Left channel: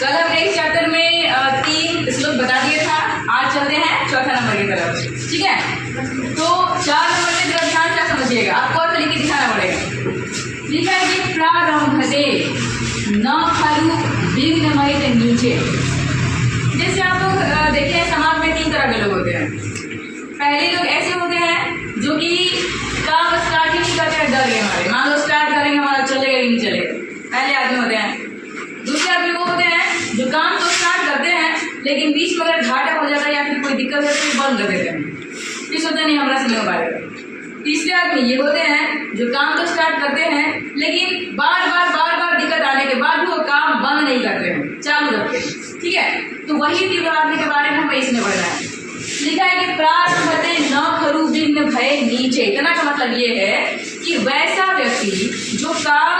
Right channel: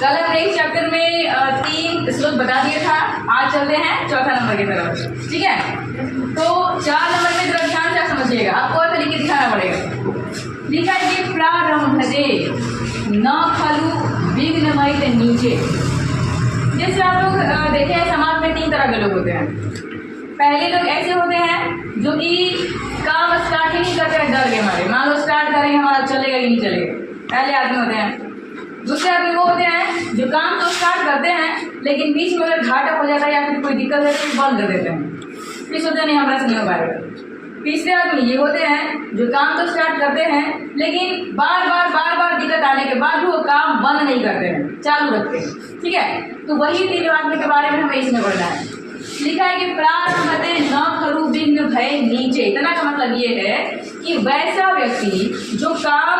कल हमने इस चैप्टर में 3 श्लोक बता दिया था। आज चलते हैं चौथा नंबर की तरफ, ठीक है। तो 4 नंबर में जरा ध्यान से समझिएगा, आपको और लिख के दिखाना पड़ेगा। लिखा है कि प्रारंभते न खलु विघ्नमयित नीचे। जैसे आप लोग देखे हैं समाज में 3 तरह के लोग होते हैं। पहले लोग ऐसे होते हैं जो कि काम स्टार्ट ही नहीं करते हैं डर के मारे। मान लो स्टार्ट करेंगे हमारा चलेगा कि नहीं चलेगा, पहले आदमी होते हैं। दूसरे आदमी वो होते हैं जो काम तो स्टार्ट करते हैं लेकिन बीच में अगर घाटा हो जाता है या फिर कोई दिक्कत है तो बंद कर देते हैं, फिर सोचते नहीं हमारा से नहीं हो पाएगा। तीसरे आदमी ये होते हैं जो काम तो स्टार्ट करते हैं लेकिन बार बार दिक्कत आने के बाद वो काम बंद नहीं करते हैं, चालू रखते हैं, ठीक है। तो वही 3 आदमी के बारे में हमें इसमें पढ़ना है। लिखा है कि प्रारंभते न खलु विघ्न भय नीचे। इतना का मतलब ये है कि वैसा व्यक्ति जो काम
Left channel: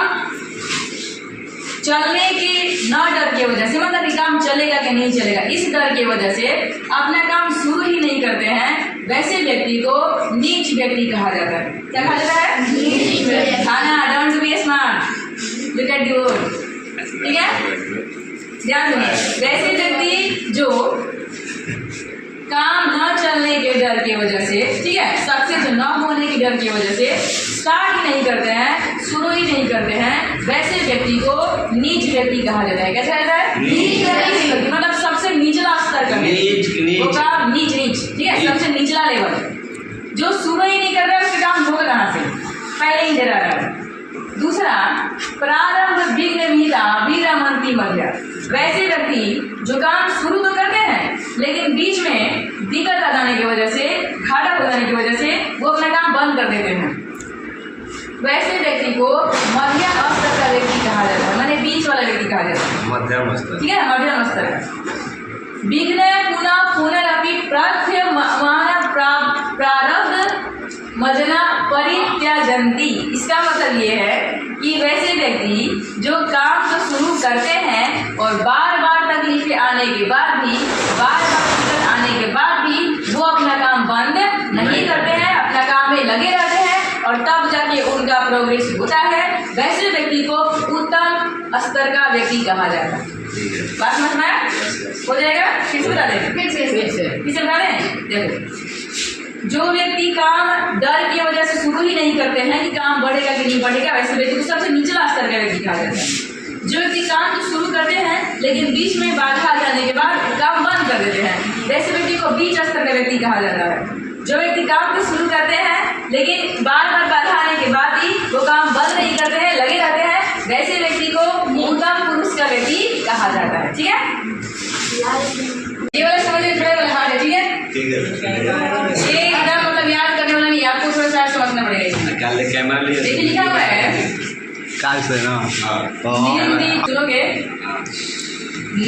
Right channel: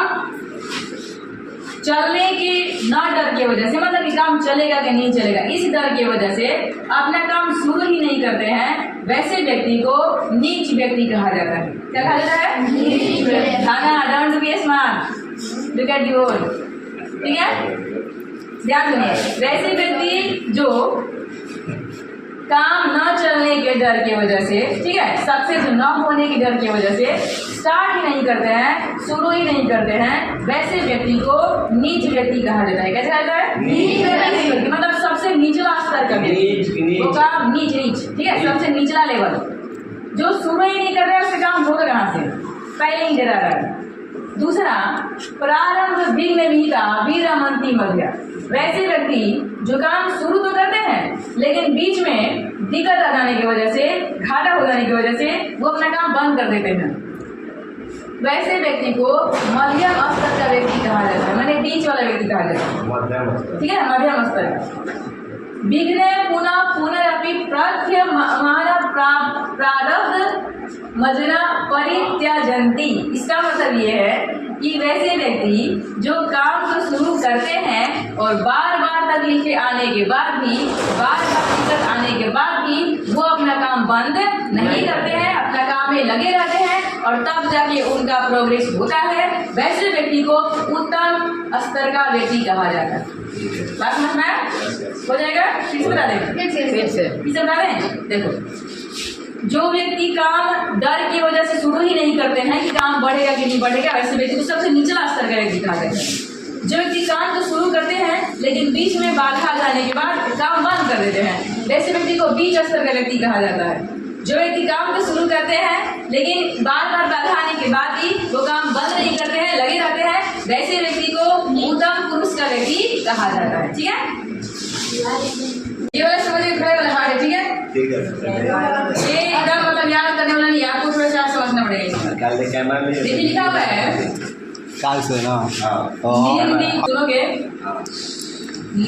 चलने के न डर की वजह से, मतलब कि काम चलेगा कि नहीं चलेगा इस डर की वजह से अपना काम शुरू ही नहीं करते हैं, वैसे व्यक्ति को नीच व्यक्ति कहा जाता है। क्या कहा जाता है? नीच व्यक्ति। खाना don't be smart, look at the word, ठीक है। ध्यान सुनिए, वैसे व्यक्ति जो काम न चलने के डर की वजह से, ठीक है, सक्सेस न होने के डर की वजह से स्टार्ट ही नहीं करते हैं, शुरू ही नहीं करते हैं, वैसे व्यक्ति को नीच व्यक्ति कहा जाता है। क्या कहा जाता है? नीच व्यक्ति। मतलब सबसे निचला स्तर का वो काम नीच, ठीक है, सबसे निचला लेवल। जो शुरू ही नहीं कर रहा है उसके काम होगा कहाँ से, पहले ही डरा रहा है। दूसरा, प्रारंभ विघ्न विहिता वीरमंती मध्य। वैसे व्यक्ति जो काम शुरू तो करते हैं लेकिन बीच में दिक्कत आ जाने की वजह से, घाटा हो जाने की वजह से वो अपना काम बंद कर देते हैं। वैसे व्यक्ति को मध्यम स्तर का व्यक्ति कहा जाता है, माने बीच वाला व्यक्ति कहा जाता है, मध्यम स्तर, ठीक है, मध्यम स्तर का। विघ्न पुनरअपि प्रारब्ध मजना परित्याजन्ति। इसका मतलब ये है कि वैसे व्यक्ति जो काम तो शुरू करते हैं और बार तकलीफें आने के बाद भी, बार दिक्कत आने के बाद भी वो अपना काम बंद नहीं करते हैं, अपना काम में लगे रहते हैं और तब जाके उनका प्रोग्रेस होता है। वैसे व्यक्ति को उत्तम स्तर का व्यक्ति कहा जाता है। बात समझ में आया? हो जाएगा? फिर से बता दें, फिर से बता दें। देखो, जो व्यक्ति काम डर की वजह से शुरू ही नहीं करते हैं कि काम बढ़ेगा कि नहीं बढ़ेगा, वैसे व्यक्ति को सबसे निचला स्तर का व्यक्ति कहा जाता है। जो व्यक्ति काम तो शुरू करते हैं लेकिन बीच में बाधा आ जाने के बाद काम बंद कर देते हैं, वैसे व्यक्ति को बीच स्तर का व्यक्ति कहा जाता है। जो व्यक्ति काम तो शुरू करते हैं लेकिन बार बाधा आने के बाद भी वो काम बंद नहीं करते हैं, लगे रहते हैं, वैसे व्यक्ति को उत्तम पुरुष का व्यक्ति कहा जाता है, ठीक है। ये वाला समझिए, थोड़ा वाला हार्ड है, ठीक है। ये एकदम मतलब याद करने वाला नहीं, आपको थोड़ा सा समझना पड़ेगा। कैमरा देखिए, लिखा हुआ है काल से ना सुनोगे,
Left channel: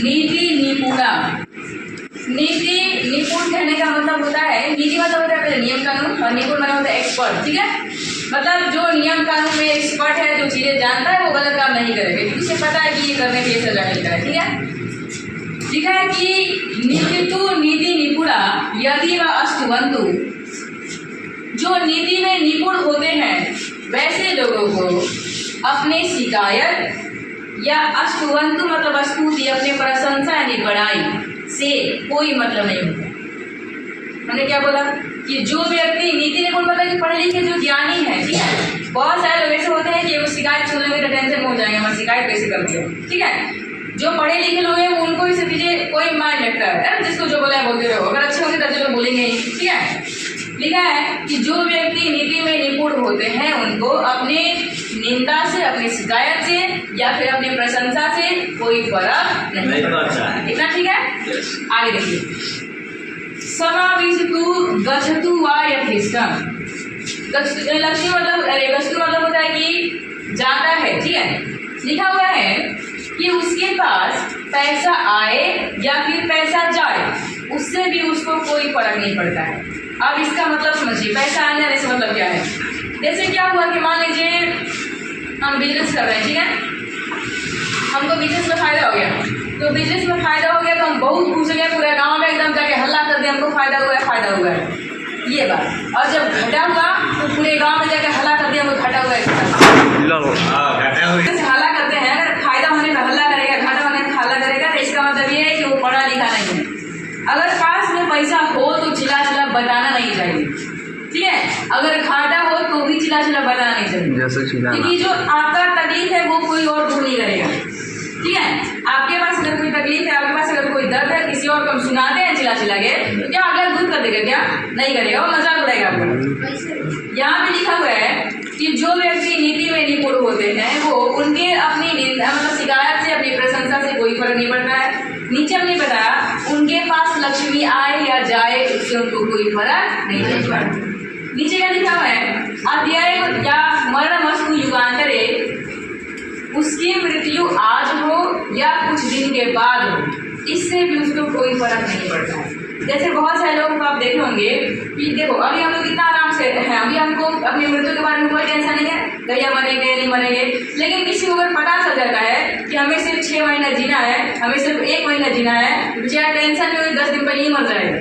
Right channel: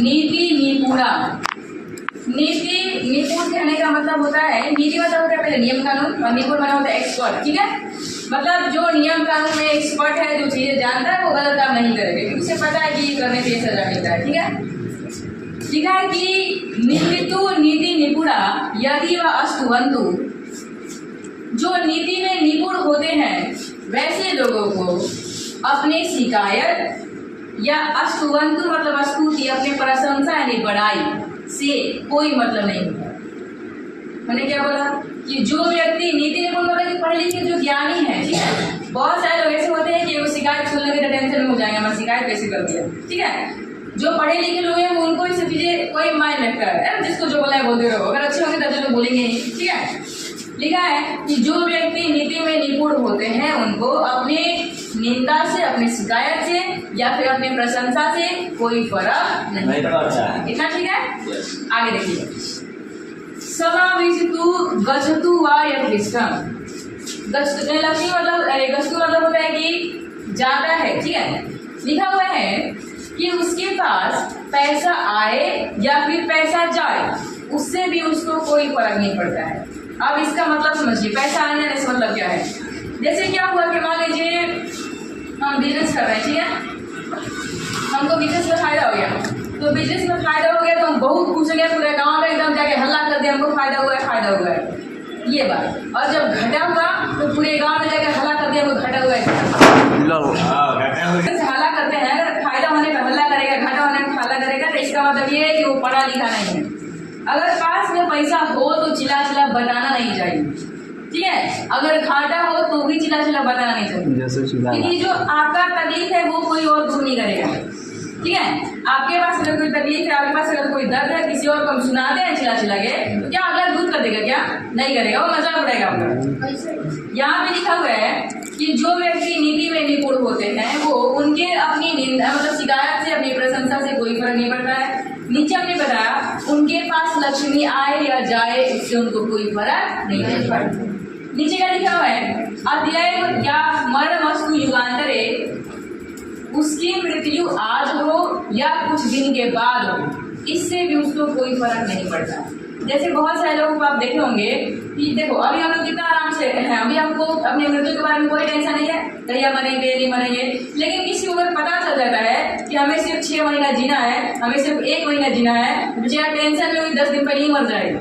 नीति निपुणा। नीति निपुण कहने का मतलब होता है, नीति मतलब होता है नियम कानून और निपुण मतलब होता है एक्सपर्ट, ठीक है। मतलब जो नियम कानून में एक्सपर्ट है, जो चीजें जानता है, वो गलत काम नहीं करेगा क्योंकि उसे पता है कि ये करने से सजा मिलता है, ठीक है। लिखा है कि नीति निपुणा यदि व अस्तुवन्तु। जो नीति में निपुण होते हैं वैसे लोगों को अपने शिकायत या अस्तुवन्तु मतलब स्तुति, अपने प्रशंसा यानी बड़ाई से कोई मतलब नहीं होता। मैंने क्या बोला कि जो व्यक्ति नीति निपुण मतलब पढ़े लिखे जो ज्ञानी है, ठीक है। बहुत सारे लोग ऐसे होते हैं कि वो शिकायत सुनने में टेंशन में हो जाएंगे, मैं शिकायत कैसे कर दिया, ठीक है। जो पढ़े लिखे लोग हैं वो उनको इसे चीजें कोई मायने लगता है, जिसको जो बोला है बोलते रहो, अगर अच्छे होंगे तो जो बोलेंगे ही, ठीक है। लिखा है कि जो व्यक्ति नीति में निपुण होते हैं उनको अपने निंदा से, अपनी शिकायत से या फिर अपनी प्रशंसा से कोई फर्क नहीं पड़ता। इतना ठीक है। आगे देखिए, समाविष्टु गच्छतु वा यथेष्टम। गच्छतु मतलब होता है कि जाता है, ठीक है। लिखा हुआ है कि उसके पास पैसा आए या फिर पैसा जाए, उससे भी उसको कोई फर्क नहीं पड़ता है। अब इसका मतलब समझिए, पैसा आने से मतलब क्या है। जैसे क्या हुआ कि मान लीजिए हम बिजनेस कर रहे हैं, ठीक है, हमको बिजनेस में फायदा हो गया, तो बिजनेस में फायदा हो गया तो हम बहुत खुश हो गए, पूरे गांव में एकदम जाके हल्ला कर दिया, हमको फायदा हुआ है, फायदा हुआ है। ये बात। और जब घटा हुआ तो पूरे गांव में जाकर हल्ला कर दिया वो घटा हुआ है, हल्ला करते हैं। अगर फायदा होने पर हल्ला करेगा, घाटा होने पर हल्ला करेगा, तो इसका मतलब ये है कि वो पढ़ा लिखा नहीं है। अगर पास में पैसा हो तो चिल्ला चिल्ला बताना नहीं चाहिए, ठीक है। अगर घाटा हो तो भी चिल्ला चिल्ला बताना नहीं चाहिए, क्योंकि जो आपका तकलीफ है वो कोई और दूर नहीं करेगा, ठीक है। आपके पास अगर कोई तकलीफ है, आपके पास अगर कोई दर्द है, किसी और को हम सुनाते हैं चिल्ला चिल्ला के, तो क्या अगर दूर कर देगा? क्या नहीं करेगा, वो मजाक उड़ाएगा आपका। यहाँ पे लिखा हुआ है कि जो व्यक्ति नीति में निपुण होते हैं वो उनके अपनी मतलब शिकायत से, अपनी प्रशंसा से कोई फर्क नहीं पड़ता है। नीचे हमने बताया उनके पास लक्ष्मी आए या जाए उससे उनको कोई फर्क नहीं पड़ता। नीचे क्या लिखा हुआ है? अध्याय या मरणमस्तु युगांतरे, उसकी मृत्यु आज हो या कुछ दिन के बाद हो, इससे भी उसको कोई फर्क नहीं पड़ता है। जैसे बहुत सारे लोगों को आप देखे होंगे कि देखो अभी हम लोग कितना आराम से हैं, अभी हमको अपनी मृत्यु के बारे में कोई टेंशन नहीं है, कहिया मरेंगे नहीं मरेंगे। लेकिन किसी को अगर पता चल जाता है कि हमें सिर्फ 6 महीना जीना है, हमें सिर्फ 1 महीना जीना है, बेचारा टेंशन में 10 दिन पहले ही मर जाएगा,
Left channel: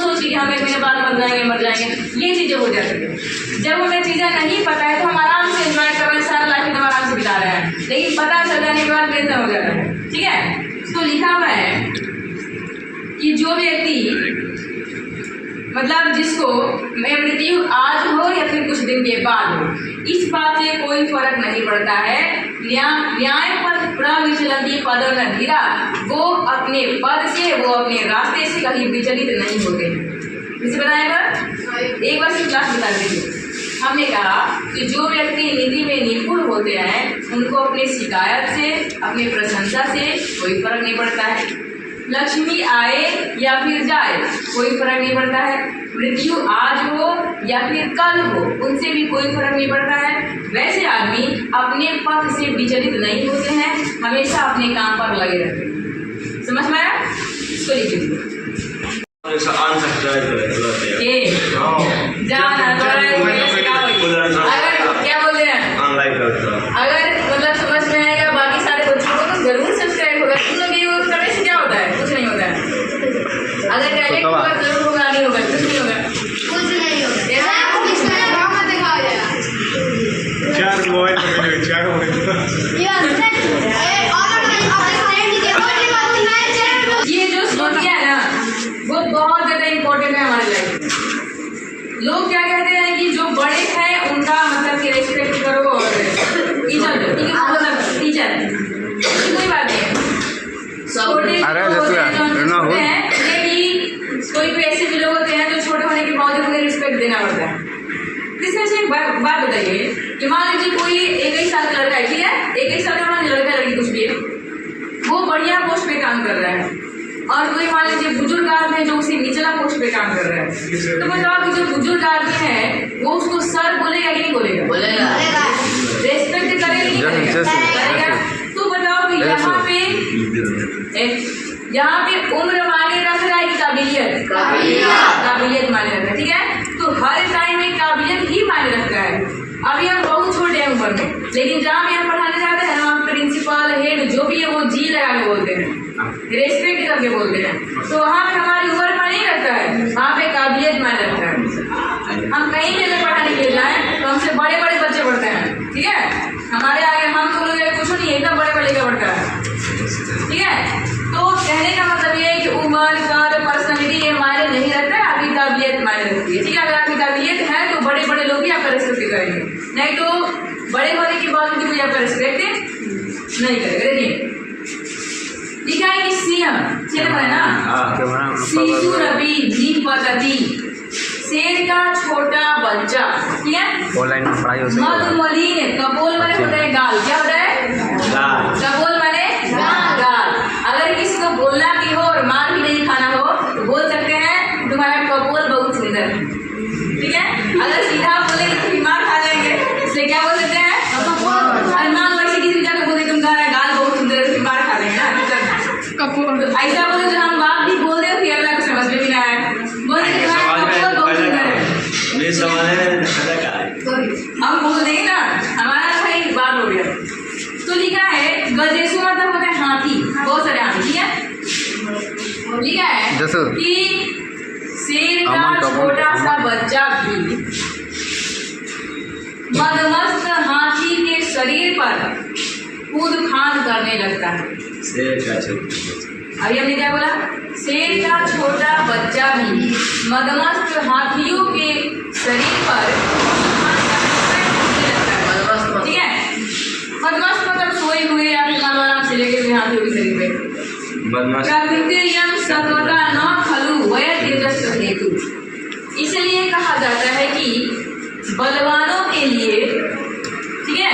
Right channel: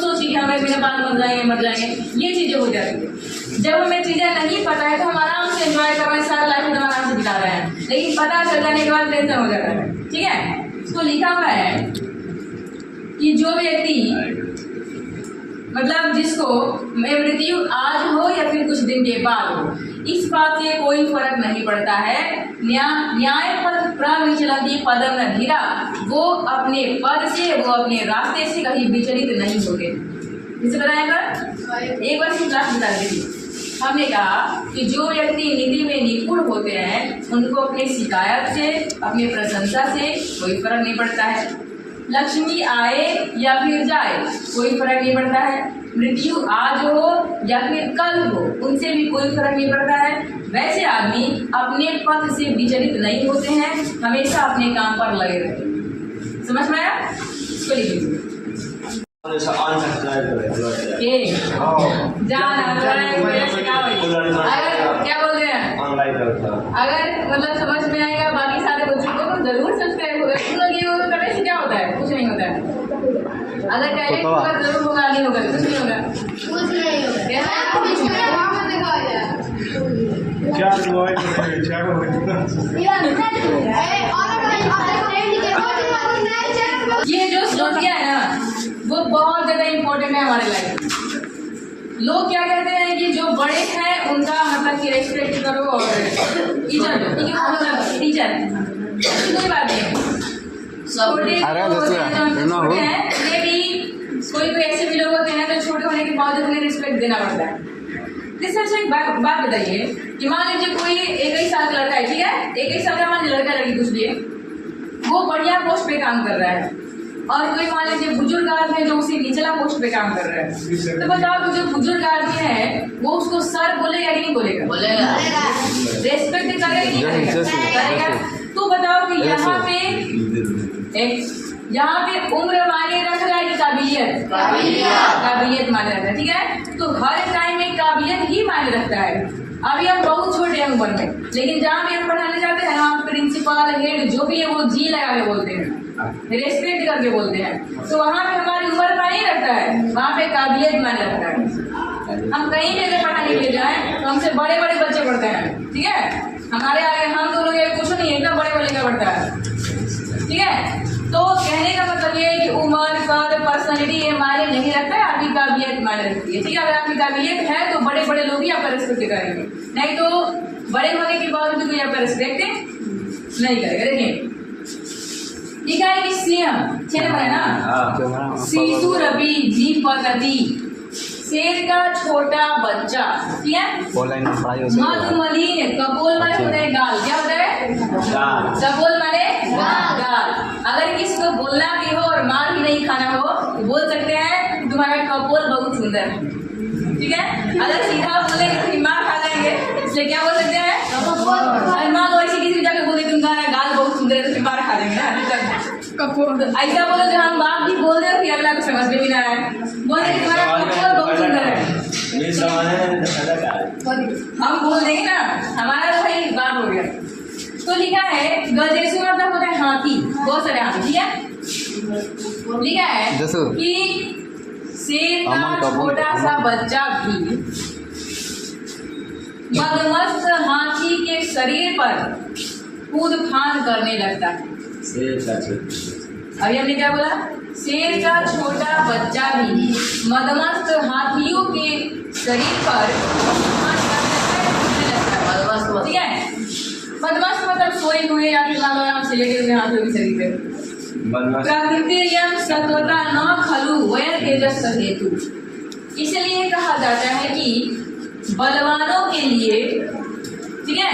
सोच कि हम 1 महीने बाद मर जाएंगे, ये चीज़ें हो जाती है। जब हमें चीज़ें नहीं पता है तो हम आराम से एंजॉय कर रहे हैं, सारा लाइफ एकदम आराम से बिता रहे हैं, लेकिन पता चल जाने के बाद टेंशन हो जाता है, ठीक है। तो लिखा हुआ है कि जो व्यक्ति मतलब जिसको मृत्यु आज हो या फिर कुछ दिन के बाद हो, इस बात से कोई फर्क नहीं पड़ता है। न्याय पर प्रविचलती पदम न धीरा, वो अपने पद से, वो अपने रास्ते से कहीं विचलित नहीं होते। इसे बताएगा एक बार सिर्फ क्लास बता दीजिए। हमने कहा कि जो व्यक्ति नीति में निपुण होते हैं उनको अपनी शिकायत से, अपनी प्रशंसा से कोई फर्क नहीं पड़ता है। लक्ष्मी आए या फिर जाए कोई फर्क नहीं पड़ता है। मृत्यु आज हो या फिर कल हो, उनसे भी कोई फर्क नहीं पड़ता है। वैसे आदमी अपने पथ से विचलित नहीं होते हैं, हमेशा अपने काम पर लगे रहते हैं। समझ में आया? इसको लिख लीजिए। अगर क्या बोल रहे हैं, अगर मतलब समझ में आएगा बाकी सारे बच्चों को तो जरूर सब्सक्राइब होगा। तुम लोग ये करने से क्या होता है? कुछ नहीं होता है। अगर डायरेक्ट होगा जरूर होगा, नहीं होगा कुछ नहीं होगा, कुछ नहीं होगा। ये जो सोच गया है ना वो बहुत ज्यादा इम्पोर्टेंट है हमारे लाइफ। लोग क्या कहते हैं कि जो बड़े हैं उनका मतलब कि रेस्पेक्ट करो और इज्जत दो, ठीक है, मतलब इज्जत कोई बात नहीं है। कोई ऐसे भी लोग होते हैं जो छोटे होने के बाद उन्हें रिस्पेक्ट देना पड़ता है। जैसे एक बात बताइए कि मान लीजिए कोई 21 साल का लड़का है, ठीक है, 21 साल का मान लड़का लड़की कुछ भी है, वो बढ़िया पोस्ट पे काम कर रहा है, और कोई मान लीजिए बुजुर्ग आदमी है जो उसी निचला पोस्ट पे काम कर रहा है। तो बताओ कि जो बुजुर्ग आदमी है वो उसको सर बोलेगा कि नहीं बोलेगा? बोलेगा। रेस्पेक्ट करेगा कि नहीं करेगा? तो बताओ कि यहाँ पे उम्र मायने रख रहा है कि काबिलियत? काबिलियत मायने रख रहा है, ठीक है। तो हर टाइम में काबिलियत ही मायने रखता है। अभी हम बहुत छोटे हैं उम्र में, लेकिन जहाँ भी हम पढ़ाने जाते हैं ना, प्रिंसिपल हेड जो भी है वो जी लगा के बोलते हैं, रेस्पेक्ट करके बोलते हैं। तो वहाँ पे हमारी उम्र मायने नहीं रखता है, वहाँ पे काबिलियत मायने रखता है। हम कहीं भी अगर पढ़ाने के लिए जाए तो हमसे बड़े बड़े बच्चे पढ़ते हैं, ठीक है, हमारे आगे हम तो लोग कुछ नहीं, एकदम बड़े बड़े का पढ़ता है, ठीक है। तो कहने का मतलब ये है कि उम्र कद पर्सनैलिटी ये मायने नहीं रखता है, आपकी काबिलियत मायने रखती है, ठीक है। अगर आपकी काबिलियत है तो बड़े बड़े लोग भी आपका रेस्पेक्ट करेंगे, नहीं तो बड़े होने के बाद भी कोई आपका रेस्पेक्ट नहीं करेगा। देखिए लिखा है कि सिंह 6 नंबर है ना, शिशु रवि जीपति, शेर का छोटा बच्चा, ठीक है। ऑनलाइन में पढ़ाई हो सकती है। मधुमलिन कपोल माने होता है गाल, क्या होता है? कपोल माने गाल। अगर किसी को बोलना भी हो और मार भी नहीं खाना हो तो बोल सकते हैं तुम्हारा कपोल बहुत सुंदर है, ठीक है। अगर सीधा बोले तो मार खा जाएंगे, इसलिए क्या बोल सकते हैं? कपोल। मान लो ऐसे किसी जगह बोले तुम्हारा गाल बहुत सुंदर है तो मार खा लेंगे ना, तो ऐसा बोले जो हम बात भी बोल रहे हो फिर अगला को समझ में भी ना आए, बोले तुम्हारा कपोल बहुत सुंदर है, हम बोल देंगे ना, हमारा भाई बात हो गया। तो लिखा है गजेशु मतलब होता है हाथी, बहुत सारे हाथी, ठीक है। लिखा है कि शेर का छोटा सा बच्चा भी मदमस्त हाथी के शरीर पर कूद फान करने लगता है। शेर का छोटा, अभी हमने क्या बोला? शेर का छोटा बच्चा भी मदमस्त हाथियों के शरीर पर ठीक है। मदमस्त मतलब सोए हुए या फिर आराम से लेके हुए हाथियों के शरीर पे। प्रकृतियम सत्वता न खलु वय तेजस हेतु, इसलिए कहा जाता है कि बलवानों के लिए ठीक है,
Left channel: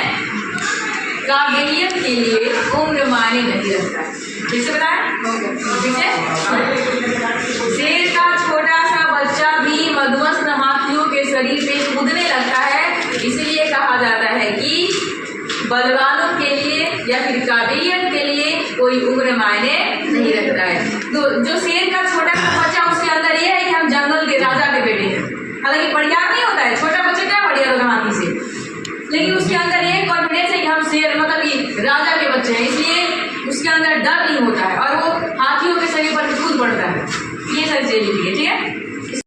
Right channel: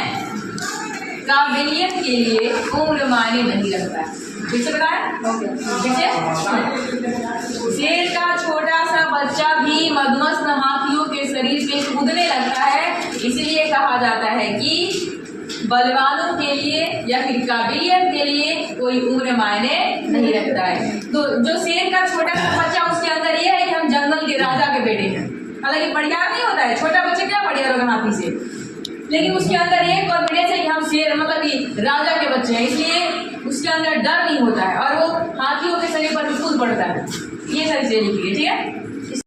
काबिलियत के लिए उम्र मायने नहीं रखता है। ठीक से बताया? ठीक है। शेर का छोटा सा बच्चा भी मदमस्त हाथियों के शरीर पे कूदने लगता है, इसलिए कहा जाता है कि बलवानों के लिए या फिर काबिलियत के लिए कोई उम्र मायने नहीं रखता है। जो शेर का छोटा सा बच्चा, उसके अंदर ये है कि हम जंगल के राजा के बेटे हैं। हालांकि बढ़िया नहीं होता है, छोटा बच्चा क्या बढ़िया होगा हाथी से, लेकिन उसके अंदर ये कॉन्फिडेंस है कि हम शेर मतलब कि राजा के बच्चे हैं, इसलिए उसके अंदर डर नहीं होता है और वो हाथियों के शरीर पर कूद पड़ता है। ये सारी चीजें लिखी है। ठीक है।